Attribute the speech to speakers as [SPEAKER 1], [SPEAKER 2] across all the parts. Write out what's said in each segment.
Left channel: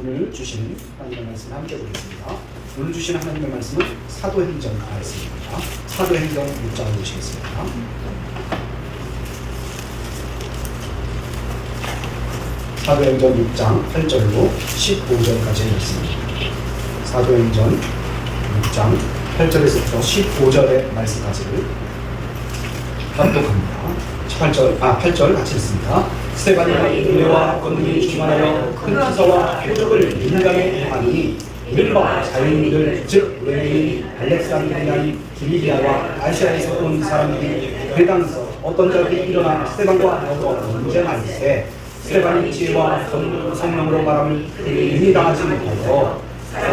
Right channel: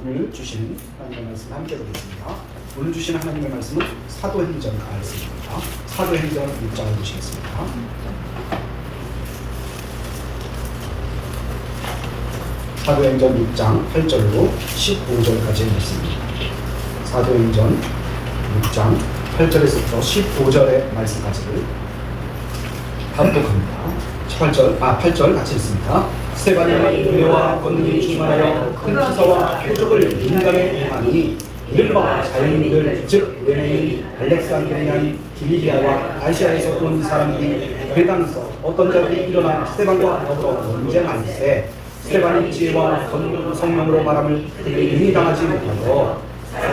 [SPEAKER 1] 오늘 주신 하나님의 말씀 함께 보겠습니다. 오늘 주신 하나님의 말씀은 사도행전 말씀입니다. 사도행전 6장을 보시겠습니다. 사도행전 6장 8절로 15절까지의 말씀입니다. 사도행전 6장 8절에서부터 15절의 말씀까지를 합독합니다. 18절, 아, 8절 같이 읽습니다. 스테반이 은혜와 권능이 충만하여 큰 기사와 표적을 민감에 행하니 이른바 자유인들 즉 레위인 알렉산드리아인 길리기아와 아시아에서 온 사람들이 회당에서 어떤 자들이 일어나 스테반과 여러 논쟁하는데 스테반이 지혜와 성- 성령으로 말함을 이미 당하지 못하여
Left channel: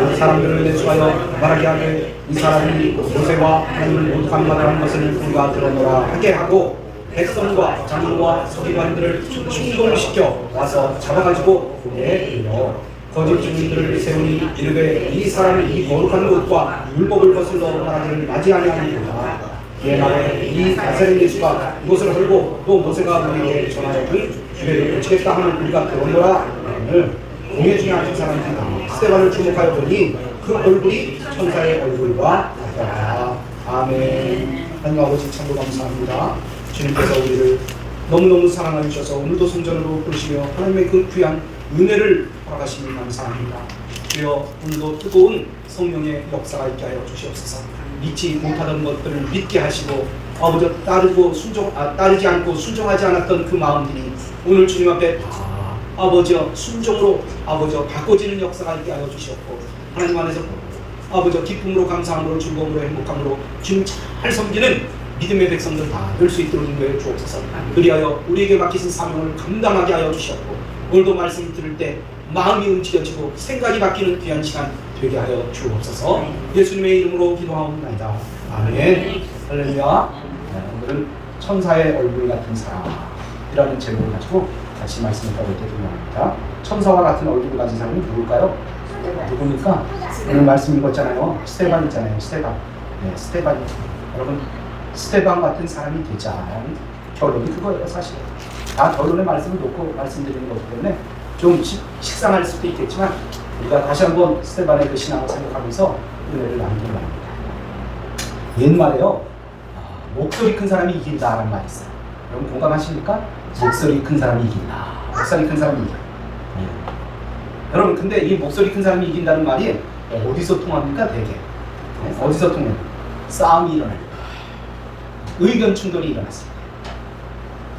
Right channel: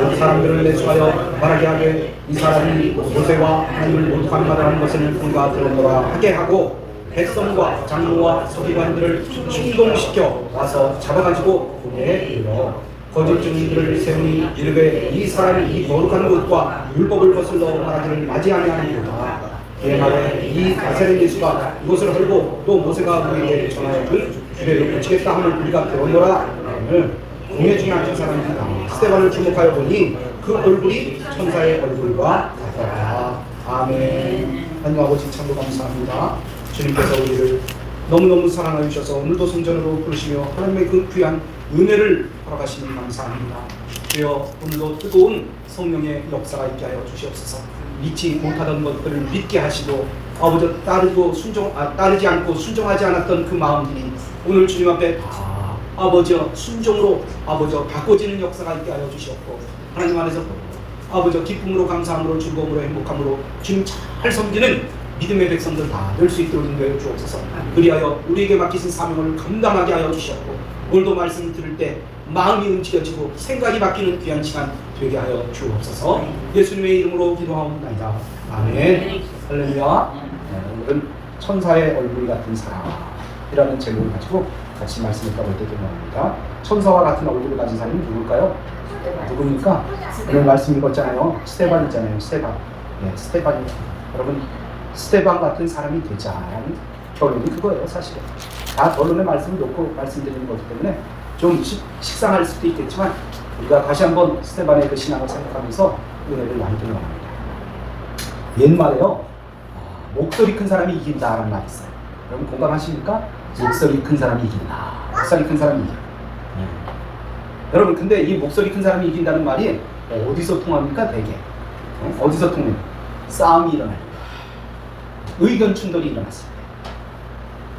[SPEAKER 1] 그 사람들을 내수하여 말하게 하되 이 사람이 모세와 하나님을 모두 감당하는 것을 우리가 들었노라 하게 하고 백성과 장로와 서기관들을 충돌시켜 와서 잡아가지고 고개에 이르러 거짓 증인들을 세우니 이르되 이 사람이 이 거룩한 것과 율법을 거슬러 말하기를 맞이 아니하는구나 그의 말에 이 나사렛 예수가 이것을 헐고 또 모세가 우리에게 전하여준 주례를 고치겠다 하는 우리가 들었노라. 오늘 공회 중에 앉은 사람이다. 스테반을 주목하여 보니 그 얼굴이 천사의 얼굴과 같더라. 아멘. 하나님 아버지 참고 감사합니다 주님께서 우리를 너무너무 사랑하여 주셔서 오늘도 성전으로 부르시며 하나님의 그 귀한 은혜를 허락하시니 감사합니다. 주여 오늘도 뜨거운 성령의 역사가 있게 하여 주시옵소서. 믿지 못하던 것들을 믿게 하시고 아버지 따르고 순종 아, 따르지 않고 순종하지 않았던 그 마음들이 오늘 주님 앞에 다 아버지여 순종으로 아버지여 바꿔지는 역사가 있게 하여 주시옵고 하나님 안에서 아버지 기쁨으로 감사함으로 즐거움으로 행복함으로 주님 잘 섬기는 믿음의 백성들 다 될 수 있도록 인도해 주옵소서 그리하여 우리에게 맡기신 사명을 감당하게 하여 주시옵고 오늘도 말씀 들을 때 마음이 움직여지고 생각이 바뀌는 귀한 시간 되게 하여 주옵소서 예수님의 이름으로 기도하옵나이다 아멘 할렐루야 네, 오늘은 천사의 얼굴 같은 사람이라는 제목을 가지고 같이 말씀했다고 이렇게 기도합니다 천사와 같은 얼굴을 가진 사람이 누굴까요? 누굽니까? 오늘 말씀 읽었잖아요. 스테반 있잖아요. 스테반. 네, 스테반. 여러분, 스테반 같은 사람이 되자. 결론이 그거예요, 사실. 다 결론의 말씀을 놓고 말씀드리는 거기 때문에 좀 식, 식상할 수도 있겠지만 우리가 다시 한번 스테반의 그 신앙을 생각하면서 은혜를 나누기로 합니다. 옛말에요. 아, 목소리 큰 사람이 이긴다라는 말이 있어요. 여러분 공감하십니까? 목소리 큰 사람이 이긴다. 목소리 큰 사람이 이겨. 음. 여러분 근데 이 목소리 큰 사람이 이긴다는 말이 어디서 통합니까 대개 어? 어디서 통해요? 싸움이 일어날 때 의견 충돌이 일어났습니다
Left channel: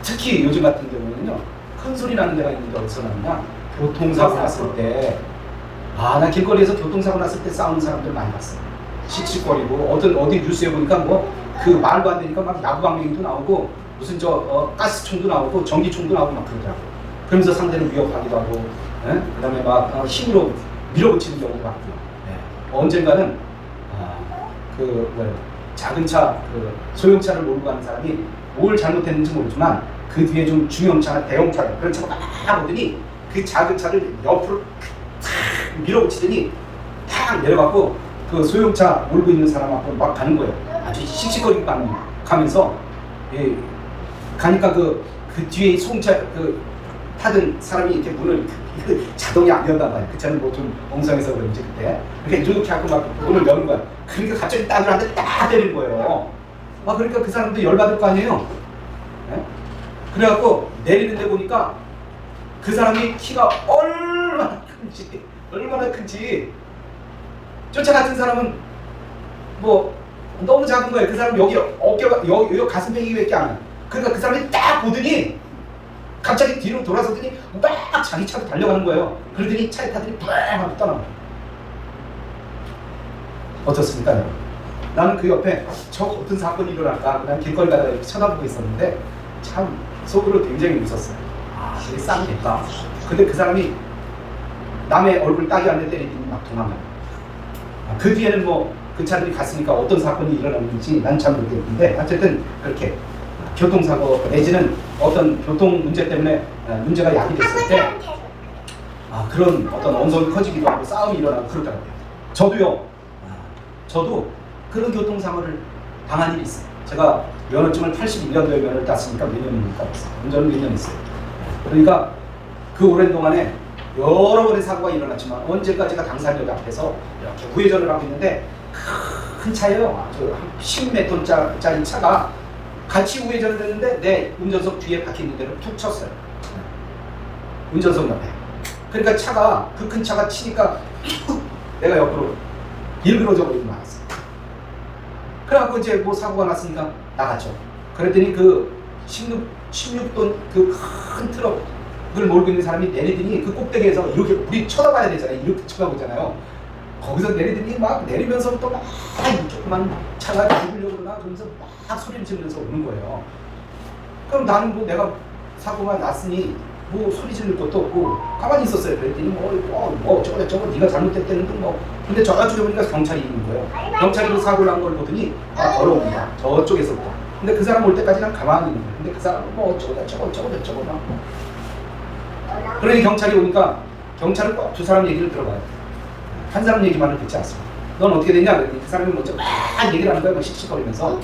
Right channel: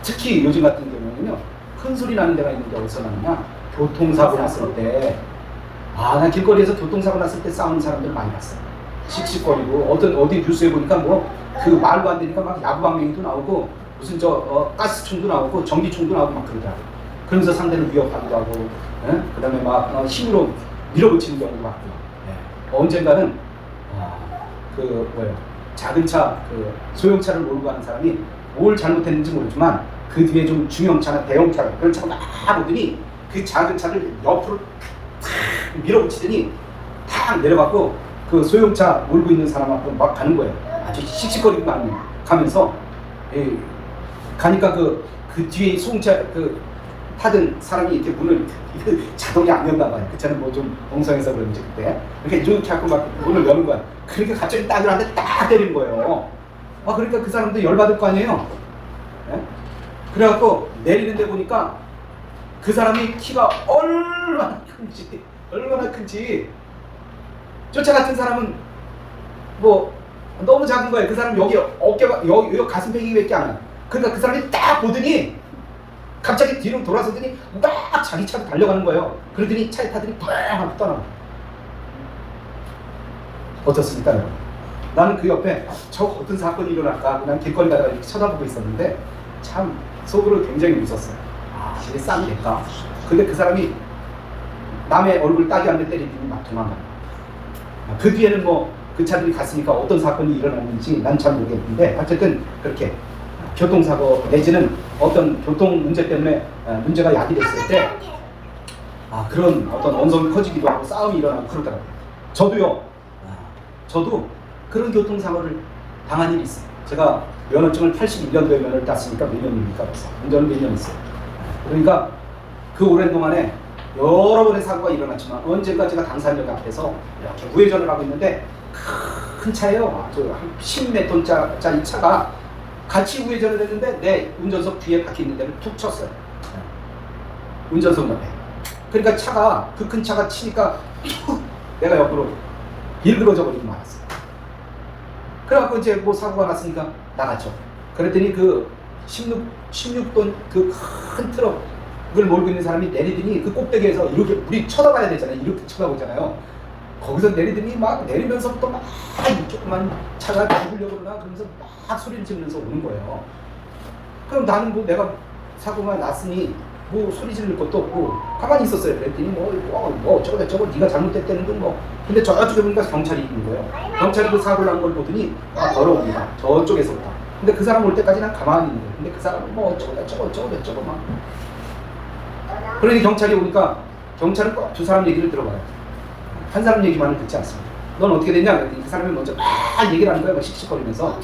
[SPEAKER 1] 특히 요즘 같은 경우는요 큰 소리 나는 데가 있는데 어디서 나냐 교통사고 났을 때아나 길거리에서 교통사고 났을 때 싸우는 사람들 많이 봤어 씩씩거리고 어떤 어디 뉴스에 보니까 뭐 그 말도 안 되니까 막 야구방맹이도 나오고 무슨 저 어, 가스총도 나오고 전기총도 나오고 막 그러더라고 그러면서 상대를 위협하기도 하고 예? 그 다음에 막 어, 힘으로 밀어붙이는 경우도 많고요. 예. 언젠가는 아, 그 뭐야 작은 차, 그 소형차를 몰고 가는 사람이 뭘 잘못했는지 모르지만 그 뒤에 좀 중형차나 대형차 그런 차가 막 오더니 그 작은 차를 옆으로 탁 밀어붙이더니 탁 내려갖고 그 소형차 몰고 있는 사람 앞으로 막 가는 거예요. 아주 씩씩거리고 가면서 예, 가니까 그, 그 뒤에 소형차 그 타던 사람이 이렇게 문을 자동이 안 연단 말이야. 그 차는 뭐 좀 엉성해서 그런지 그때 이렇게 이렇게 하고 막 문을 여는 거야. 그러니까 갑자기 따들 한테 딱 때리는 거예요. 아 그러니까 그 사람도 열받을 거 아니에요. 예? 그래갖고 내리는데 보니까 그 사람이 키가 얼마나 큰지 얼마나 큰지 쫓아 같은 사람은 뭐 너무 작은 거예요. 그 사람 여기 어깨가 여기, 여기 가슴팩이밖에 안 해. 그러니까 그 사람이 딱 보더니 갑자기 뒤로 돌아서더니 막 자기 차로 달려가는 거예요. 그러더니 차에 타더니 빡 하고 떠나요. 어떻습니까, 여러분? 나는 그 옆에 저 어떤 사건이 일어날까? 난 길거리 가다가 이렇게 쳐다보고 있었는데 참 속으로 굉장히 웃었어요. 아, 이게 쌍겠다. 근데 그 사람이 남의 얼굴 따기 한대 때리더니 막 도망가요. 아, 그 뒤에는 뭐 그 차들이 갔으니까 어떤 사건이 일어났는지 난 잘 모르겠는데 어쨌든 그렇게 교통사고 내지는 어떤 교통 문제 때문에 에, 문제가 야기됐을 때 아, 그런 어떤 언성이 커지기도 하고 싸움이 일어나고 그러더라고요. 저도요. 아, 저도 그런 교통사고를 당한 일이 있어요. 제가 면허증을 81년도에 면허를 땄으니까 몇 년입니까? 벌써 운전을 몇년 했어요. 그러니까 그 오랜 동안에 여러 번의 사고가 일어났지만 언젠가 제가 당사자들 앞에서 이렇게 우회전을 하고 있는데 큰 차예요. 저한 10m짜리 차가 같이 우회전을 했는데 내 운전석 뒤에 박혀 있는 데를 툭 쳤어요. 네. 운전석 옆에. 그러니까 차가 그 큰 차가 치니까 툭 내가 옆으로 일그러져 버리고 말았어요. 그래갖고 이제 뭐 사고가 났으니까 나갔죠. 그랬더니 그 16, 16톤 그 큰 트럭을 몰고 있는 사람이 내리더니 그 꼭대기에서 이렇게 우리 쳐다봐야 되잖아요. 이렇게 쳐다보잖아요. 거기서 내리더니 막 내리면서부터 막 조그만 차가 죽으려고 그러나 그러면서 막 소리를 지르면서 오는 거예요. 그럼 나는 뭐 내가 사고가 났으니 뭐 소리 지를 것도 없고 가만히 있었어요. 그랬더니 뭐, 뭐, 뭐 저거 저거 네가 잘못됐다는 둥뭐 근데 저쪽에 보니까 경찰이 있는 거예요. 경찰이 그 사고 난 걸 보더니 아 걸어옵니다. 저쪽에서부터. 근데 그 사람 올 때까지 난 가만히 있는 거예요. 근데 그 사람은 뭐 저거 저거 저거 저거 막 그러니 경찰이 오니까 경찰은 꼭 두 사람 얘기를 들어봐요. 한 사람 얘기만을 듣지 않습니다. 넌 어떻게 됐냐? 그랬더니 그 사람이 먼저 막 얘기를 하는 거예요. 막 씩씩거리면서.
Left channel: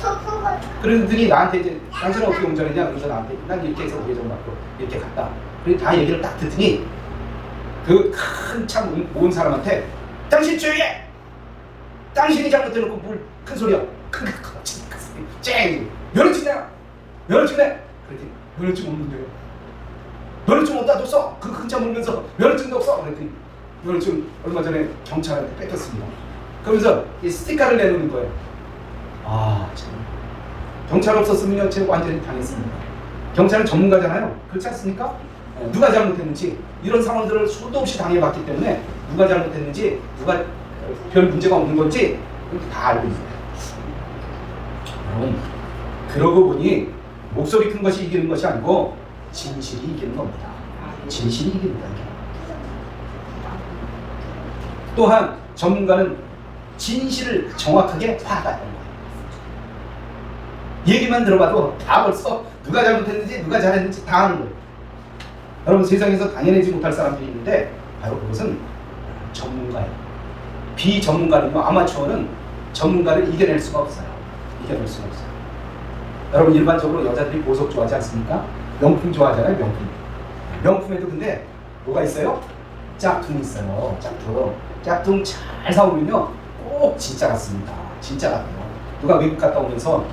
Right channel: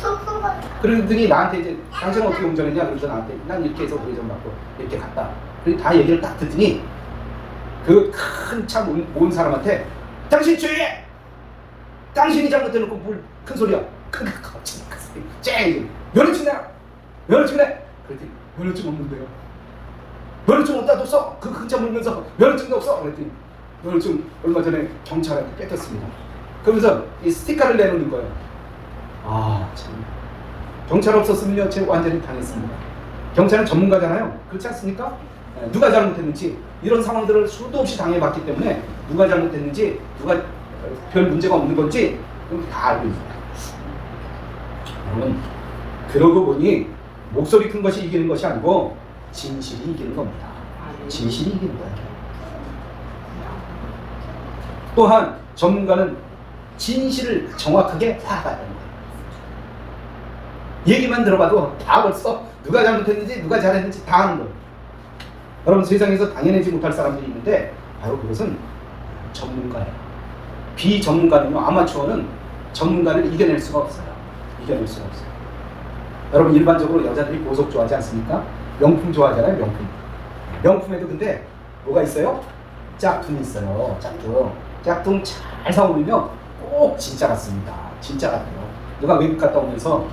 [SPEAKER 1] 그러더니 나한테 이제 당신은 어떻게 운전했냐? 그래서 나한테 난 이렇게 해서 우회전 받고 이렇게 갔다. 그리고 다 얘기를 딱 듣더니 그큰차온 사람한테 당신 조용해! 당신이 잘못해놓고 뭘큰 소리야. 큰 소리. 쨍! 면허증 내라! 면허증 내! 그랬더니 면허증 없는데요. 면허증 없다도 써! 그큰차 몰면서 면허증도 없어! 그랬더니 면허증 얼마 전에 경찰한테 뺏겼습니다. 그러면서 이 스티커를 내놓는 거예요. 아, 참. 경찰 없었으면요, 제가 완전히 당했습니다. 경찰은 전문가잖아요. 그렇지 않습니까? 예, 누가 잘못했는지 이런 상황들을 수도 없이 당해봤기 때문에 누가 잘못했는지 누가 어, 별 문제가 없는 건지 다 알고 있어요. 여러분, 그러고 보니 목소리 큰 것이 이기는 것이 아니고 진실이 이기는 겁니다. 진실이 이깁니다. 또한 전문가는 진실을 정확하게 파악해야 됩니다. 얘기만 들어봐도 다 벌써 누가 잘못했는지 누가 잘했는지 다 아는 거예요. 여러분 세상에서 당연하지 못할 사람들이 있는데 바로 그것은 전문가예요. 비전문가는요 아마추어는 전문가를 이겨낼 수가 없어요. 이겨낼 수가 없어요. 여러분 일반적으로 여자들이 보석 좋아하지 않습니까? 명품 좋아하잖아요 명품. 명품에도 근데 뭐가 있어요? 짝퉁이 있어요. 짝퉁. 짝퉁 잘 사오면요 꼭 진짜 같습니다. 진짜 같아요. 누가 외국 갔다 오면서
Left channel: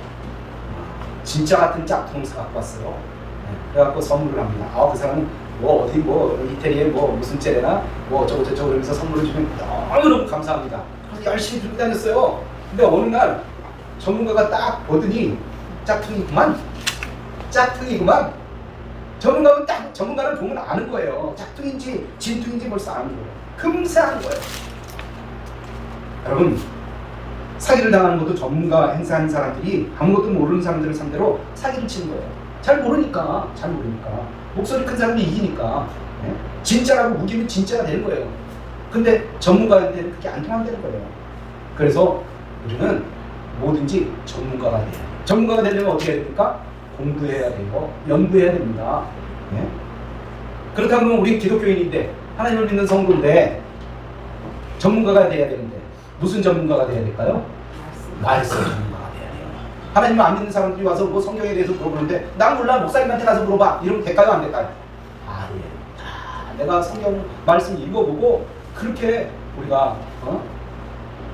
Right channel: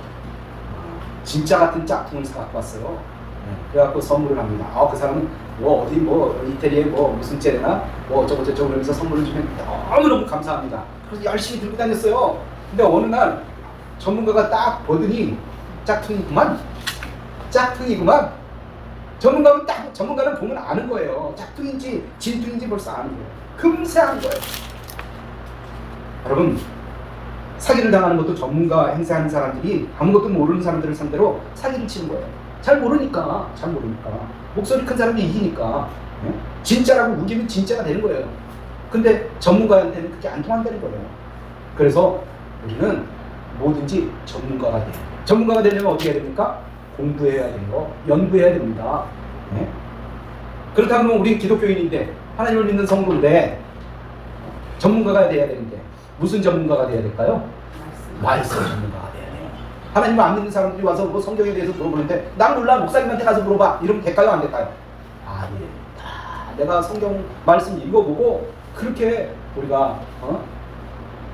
[SPEAKER 1] 진짜 같은 짝퉁을 사갖고 왔어요. 네, 그래갖고 선물을 합니다. 아, 그 사람은 뭐 어디 뭐 이태리에 뭐 무슨 째레나 뭐 어쩌고 저쩌고 그러면서 선물을 주면 너무너무 감사합니다. 그래서 열심히 들고 다녔어요. 근데 어느 날 전문가가 딱 보더니 짝퉁이구만. 짝퉁이구만. 전문가는 딱 전문가를 보면 아는 거예요. 짝퉁인지 진퉁인지 벌써 아는 거예요. 금세 아는 거예요. 여러분 사기를 당하는 것도 전문가 행사하는 사람들이 아무것도 모르는 사람들을 상대로 사기를 치는 거예요. 잘 모르니까, 잘 모르니까. 목소리 큰 사람이 이기니까. 예? 진짜라고 우기면 진짜가 되는 거예요. 근데 전문가한테는 그게 안 통한다는 거예요. 그래서 우리는 뭐든지 전문가가 돼요. 전문가가 되려면 어떻게 해야 됩니까? 공부해야 돼요. 연구해야 됩니다. 예? 그렇다 그러면 우리 기독교인인데 하나님을 믿는 성도인데 전문가가 돼야 되는데 무슨 전문가가 돼야 될까요? 말씀 전문가가 돼야 돼요. 하나님을 안 믿는 사람들이 와서 뭐 성경에 대해서 물어보는데 난 몰라 목사님한테 가서 물어봐 이러면 될까요 안 될까요? 아 예. 다 내가 성경 말씀 읽어보고 그렇게 우리가 어?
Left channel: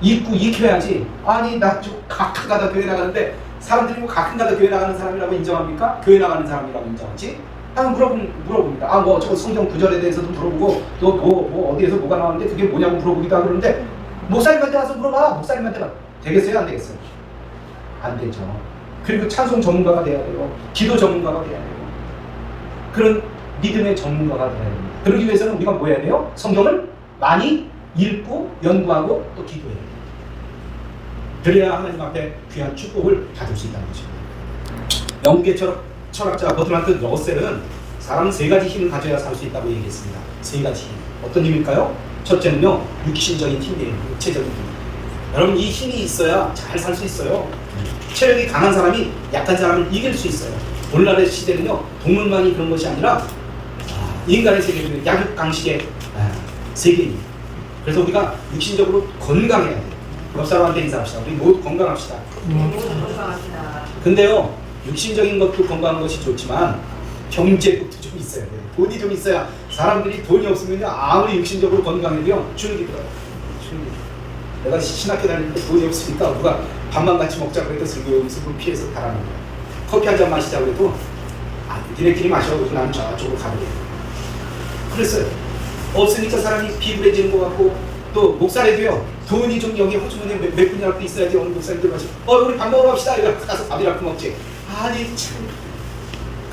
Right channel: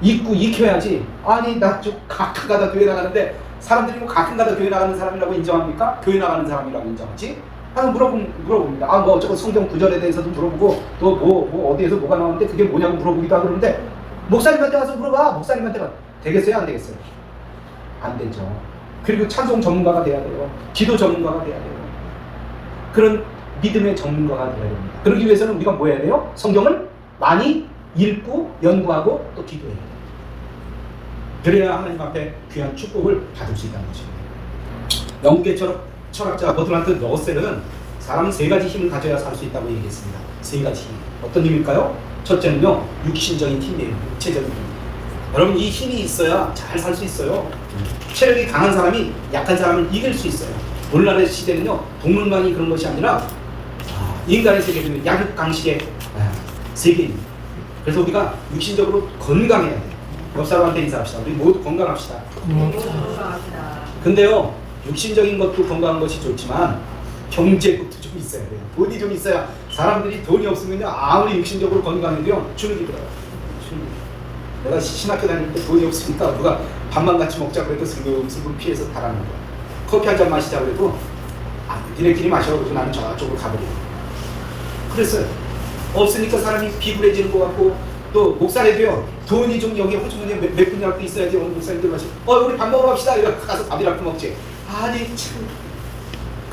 [SPEAKER 1] 읽고 익혀야지. 아니 나 좀 가끔가다 교회 나가는데 사람들이 뭐 가끔가다 교회 나가는 사람이라고 인정합니까? 교회 나가는 사람이라고 인정하지? 한번 물어보, 물어봅니다. 아, 뭐, 저거 성경 구절에 대해서도 물어보고, 또 뭐, 뭐, 어디에서 뭐가 나왔는데 그게 뭐냐고 물어보기도 하고 그러는데, 목사님한테 가서 물어봐. 목사님한테 가. 되겠어요? 안 되겠어요? 안 되죠. 그리고 찬송 전문가가 돼야 돼요. 기도 전문가가 돼야 돼요. 그런 믿음의 전문가가 돼야 됩니다. 그러기 위해서는 우리가 뭐 해야 돼요? 성경을 많이 읽고 연구하고 또 기도해야 돼요. 그래야 하나님 앞에 귀한 축복을 받을 수 있다는 것입니다. 철학, 철학자 버트란트 러셀은 사람은 세 가지 힘을 가져야 살 수 있다고 얘기했습니다. 세 가지 힘. 어떤 힘일까요? 첫째는요, 육신적인 힘이에요. 육체적인 힘. 여러분, 이 힘이 있어야 잘 살 수 있어요. 체력이 강한 사람이 약한 사람을 이길 수 있어요. 오늘날의 시대는요, 동물만이 그런 것이 아니라 아, 인간의 세계는 약육강식의 아, 세계입니다. 그래서 우리가 육신적으로 건강해야 돼요. 옆 사람한테 인사합시다. 우리 모두 건강합시다. 근데요, 육신적인 것도 건강한 것이 좋지만 경제력도 좀좀 있어야 돼요. 돈이 좀 있어야 사람들이 돈이 없으면요 아무리 육신적으로 건강해도요 주눅이 들어요. 주눅이. 내가 시- 신학교 때 돈이 없으니까 누가 밥만 같이 먹자 그래도 슬금슬금 피해서 달아는 거야. 커피 한 잔 마시자 그래도 아, 니네끼리 마셔 그래서 나는 저쪽으로 가버려. 그랬어요. 없으니까 사람이 비굴해지는 것 같고 또 목사래도요 돈이 좀 여기 호주머니에 몇, 몇 분이라도 있어야지 어느 목사님들 마시 어 우리 밥 먹으러 갑시다 이러 가서 밥이라도 먹지 아니 참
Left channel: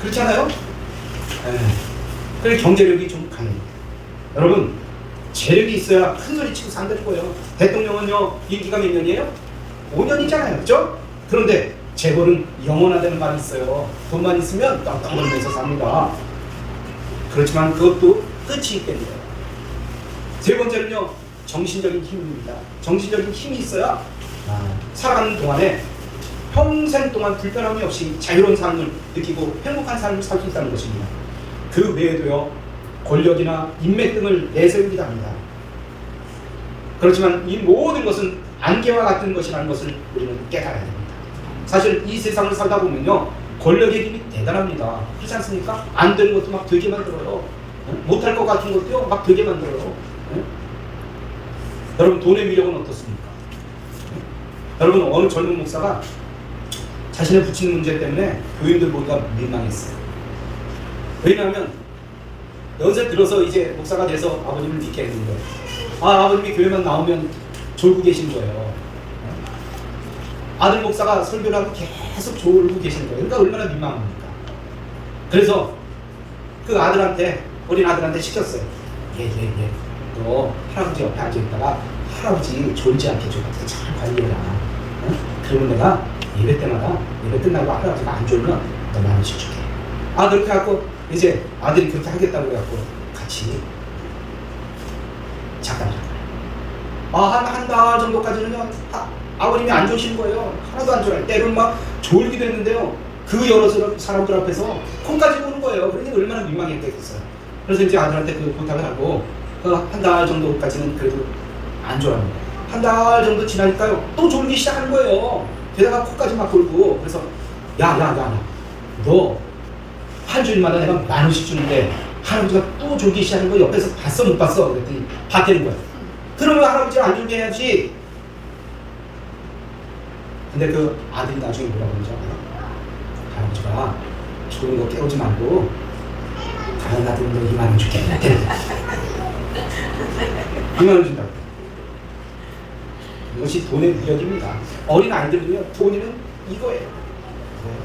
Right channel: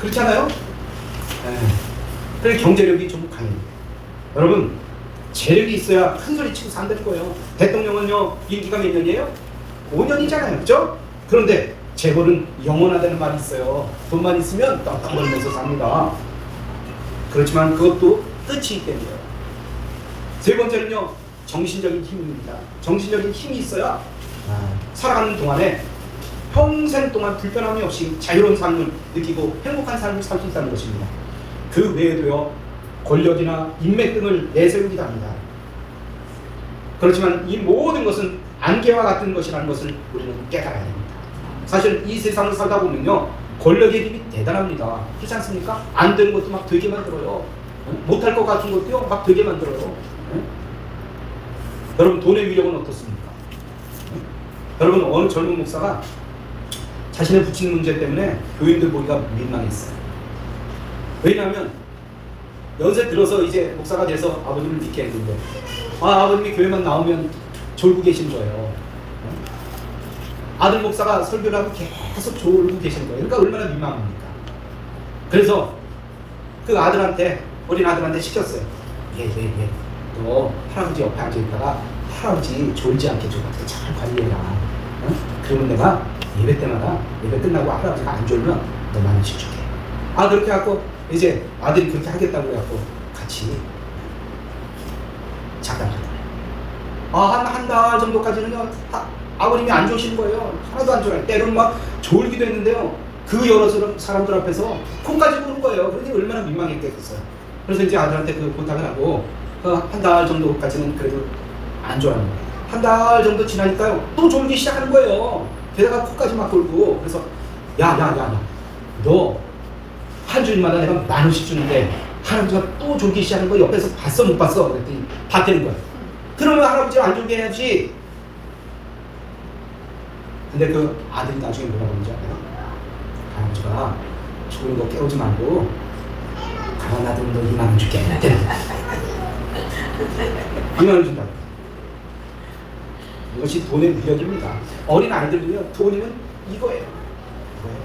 [SPEAKER 1] 그렇잖아요? 에, 그래 경제력이 좀 강해요 여러분 재력이 있어야 큰 소리 치고 산다는 거예요 대통령은요 임기가 몇 년이에요? 5년이잖아요. 그죠? 그런데 재벌은 영원하다는 말이 있어요. 돈만 있으면 떡떡 벌면서 삽니다. 그렇지만 그것도 끝이 있답니다 세 번째는요 정신적인 힘입니다. 정신적인 힘이 있어야 아, 살아가는 동안에 평생 동안 불편함이 없이 자유로운 삶을 느끼고 행복한 삶을 살 수 있다는 것입니다. 그 외에도요 권력이나 인맥 등을 내세우기도 합니다. 그렇지만 이 모든 것은 안개와 같은 것이라는 것을 우리는 깨달아야 됩니다. 사실 이 세상을 살다 보면요 권력의 힘이 대단합니다. 그렇지 않습니까? 안 되는 것도 막 되게 만들어요. 어? 못할 것 같은 것도요 막 되게 만들어요. 어? 여러분 돈의 위력은 어떻습니까? 여러분 어느 젊은 목사가 자신의 부친 문제 때문에 교인들 보기가 민망했어요. 왜냐하면 연세 들어서 이제 목사가 돼서 아버님을 믿게 했는데 아 아버님이 교회만 나오면 졸고 계신 거예요. 아들 목사가 설교를 하고 계속 졸고 계신 거예요. 그러니까 얼마나 민망합니까? 그래서 그 아들한테 어린 아들한테 시켰어요. 예예 예. 너 할아버지 옆에 앉아 있다가 할아버지 졸지 않게 좀 어떻게 잘 관리해라. 어? 그러면 내가 예배 때마다 예배 끝나고 할아버지가 안 졸면 너만 원씩 줄게. 아 그렇게 하고 이제 아들이 그렇게 하겠다고 해갖고 같이 잠깐 아한 한 달 정도까지는요 아, 아버님이 안 좋으신 거예요. 하나도 안 좋아요. 때로는 막 졸기도 했는데요. 그 여러 사람들 앞에서 콩까지 부는 거예요. 그러니 얼마나 민망했겠어요. 그래서 이제 아들한테 그 부탁을 하고 한달 정도까지는 그래도 안 거예요. 한달 정도 지나니까요. 또 졸기 시작하는 거예요. 게다가 코까지 막 돌고 그래서 야야야 너 한 주일마다 내가 만 원씩 주는데 할아버지가 또 졸기 시작하는 거 옆에서 봤어 못 봤어? 그랬더니 봤다는 거야. 그러면 할아버지가 안 졸게 해야지. 근데 그 아들이 나중에 뭐라고 그러는지 알아요? 할아버지가 좋은 거 깨우지 말고 다른 아들 너 2만 원 줄게. 2만 원 준다고. 이것이 돈의 위력입니다. 어린 아이들은요, 돈이면 이거예요. 이거예요.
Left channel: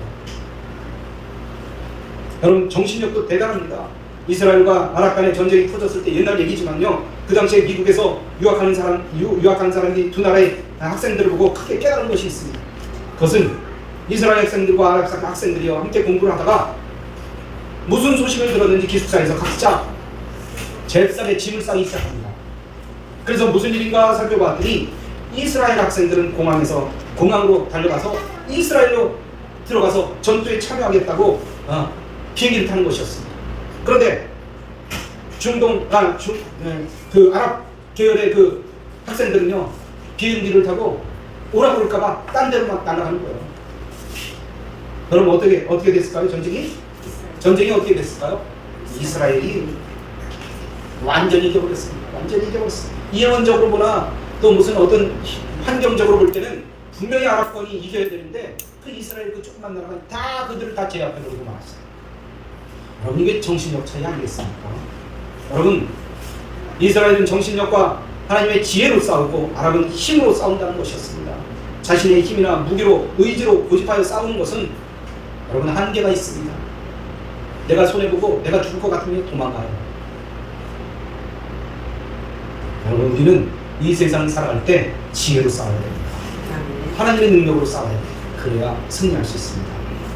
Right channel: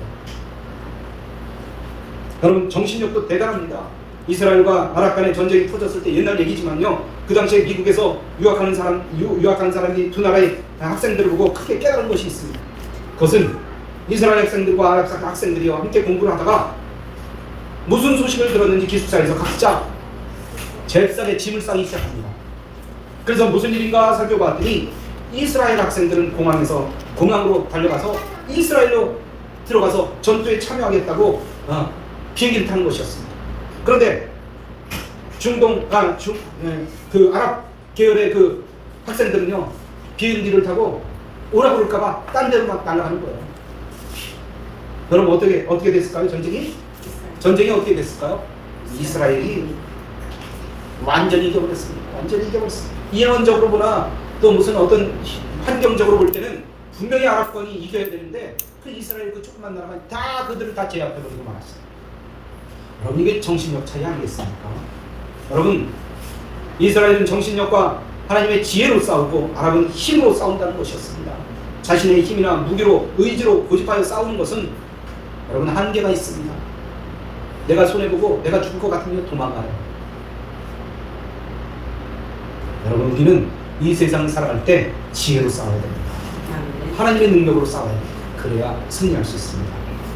[SPEAKER 1] 여러분, 정신력도 대단합니다. 이스라엘과 아랍 간의 전쟁이 터졌을 때 옛날 얘기지만요, 그 당시에 미국에서 유학하는 사람, 유, 유학하는 사람이 두 나라의 학생들을 보고 크게 깨달은 것이 있습니다. 그것은 이스라엘 학생들과 아랍 학생들이요, 함께 공부를 하다가 무슨 소식을 들었는지 기숙사에서 각자 잽싸게 짐을 싸기 시작합니다. 그래서 무슨 일인가 살펴봤더니 이스라엘 학생들은 공항에서 공항으로 달려가서 이스라엘로 들어가서 전투에 참여하겠다고 어, 비행기를 타는 것이었습니다. 그런데 중동 아중그 그 아랍 계열의 그 학생들은요 비행기를 타고 오라 그럴까봐 딴 데로 막 날아가는 거예요. 여러분 어떻게 어떻게 됐을까요 전쟁이? 전쟁이 어떻게 됐을까요? 이스라엘이 완전히 이겨버렸습니다. 완전히 이겨버렸습니다. 이론적으로 보나 또 무슨 어떤 환경적으로 볼 때는 분명히 아랍권이 이겨야 되는데 그 이스라엘 그 조그만 나라가 다 그들을 다 제압해버리고 말았어요. 여러분 이게 정신력 차이 아니겠습니까? 여러분 이스라엘은 정신력과 하나님의 지혜로 싸우고 아랍은 힘으로 싸운다는 것이었습니다. 자신의 힘이나 무기로 의지로 고집하여 싸우는 것은 여러분 한계가 있습니다. 내가 손해보고 내가 죽을 것 같으면 도망가요. 여러분 우리는 이 세상을 살아갈 때 지혜로 싸워야 됩니다. 하나님의 능력으로 싸워야 돼요. 그래야 승리할 수 있습니다.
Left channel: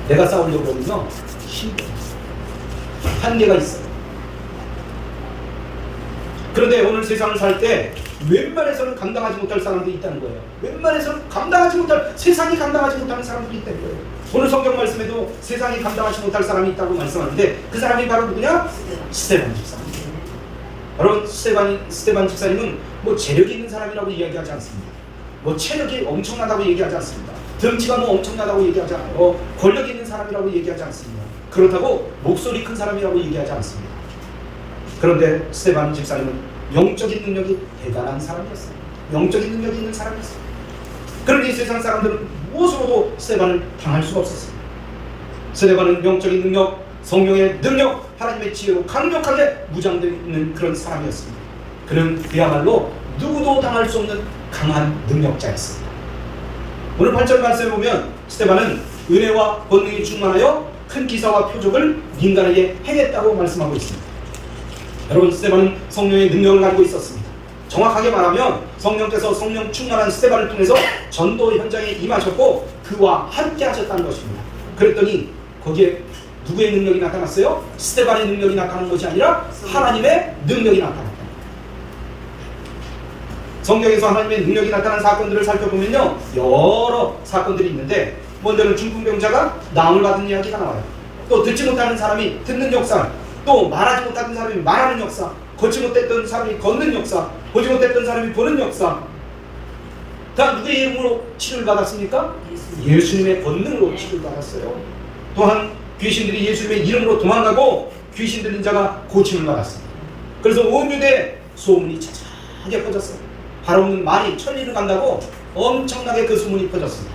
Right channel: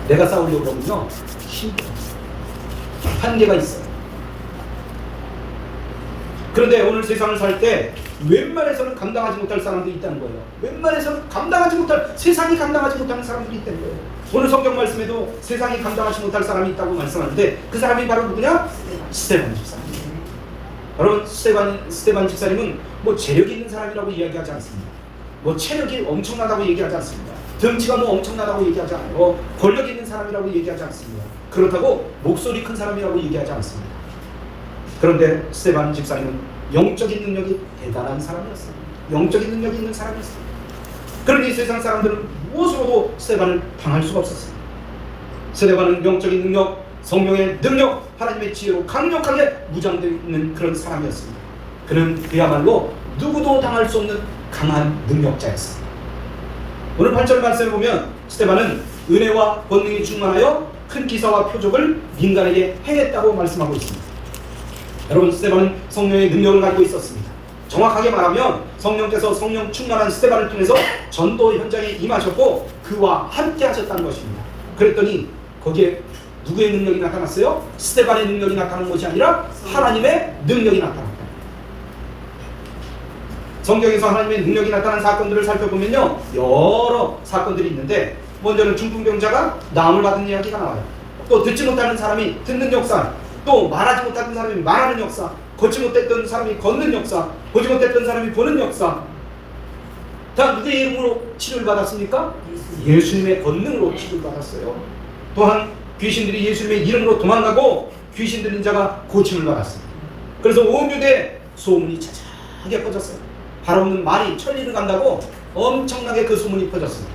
[SPEAKER 1] 내가 싸우려고 그러면요 힘들어. 한계가 있어요. 그런데 오늘 세상을 살 때 웬만해서는 감당하지 못할 사람들이 있다는 거예요. 웬만해서는 감당하지 못할 세상이 감당하지 못하는 사람들이 있다는 거예요. 오늘 성경 말씀에도 세상이 감당하지 못할 사람이 있다고 말씀하는데 그 사람이 바로 누구냐? 스테반 집사. 여러분 스테반 스테반 집사님은 뭐 재력이 있는 사람이라고 이야기하지 않습니다. 뭐 체력이 엄청나다고 얘기하지 않습니다. 등치가 뭐 엄청나다고 얘기하지 않아요. 권력이 있는 사람이라고 얘기하지 않습니다. 그렇다고 목소리 큰 사람이라고 얘기하지 않습니다. 그런데 스테반 집사님은 영적인 능력이 대단한 사람이었어요. 영적인 능력이 있는 사람이었어요. 그러니 세상 사람들은 무엇으로도 스테반을 당할 수가 없었어요. 스테반은 영적인 능력, 성령의 능력, 하나님의 지혜로 강력하게 무장되어 있는 그런 사람이었습니다. 그는 그야말로 누구도 당할 수 없는 강한 능력자였습니다. 오늘 8절 말씀에 보면 스테반은 은혜와 권능이 충만하여 큰 기사와 표적을 민간에게 행했다고 말씀하고 있습니다. 여러분 스테반은 성령의 능력을 가지고 있었습니다. 정확하게 말하면 성령께서 성령 충만한 스테반을 통해서 전도 현장에 임하셨고 그와 함께 하셨다는 것입니다. 그랬더니 거기에 누구의 능력이 나타났어요? 스테반의 능력이 나타난 것이 아니라 하나님의 능력이 나타났다. 성경에서 하나님의 능력이 나타난 사건들을 살펴보면요 여러 사건들이 있는데 먼저는 중풍병자가 나음을 받은 이야기가 나와요. 또 듣지 못하는 사람이 듣는 역사, 또 말하지 못하는 사람이 말하는 역사, 걷지 못했던 사람이 걷는 역사, 보지 못했던 사람이 보는 역사. 다 누구의 이름으로 치료를 받았습니까? 예수님의 권능으로 치료를 받았어요. 또한 귀신들이 예수님의 이름으로 도망가고 귀신 들린 자가 고침을 받았습니다. 그래서 온 유대에 소문이 차차하게 퍼졌어요. 발 없는 말이 천리를 간다고 엄청나게 그 소문이 퍼졌습니다.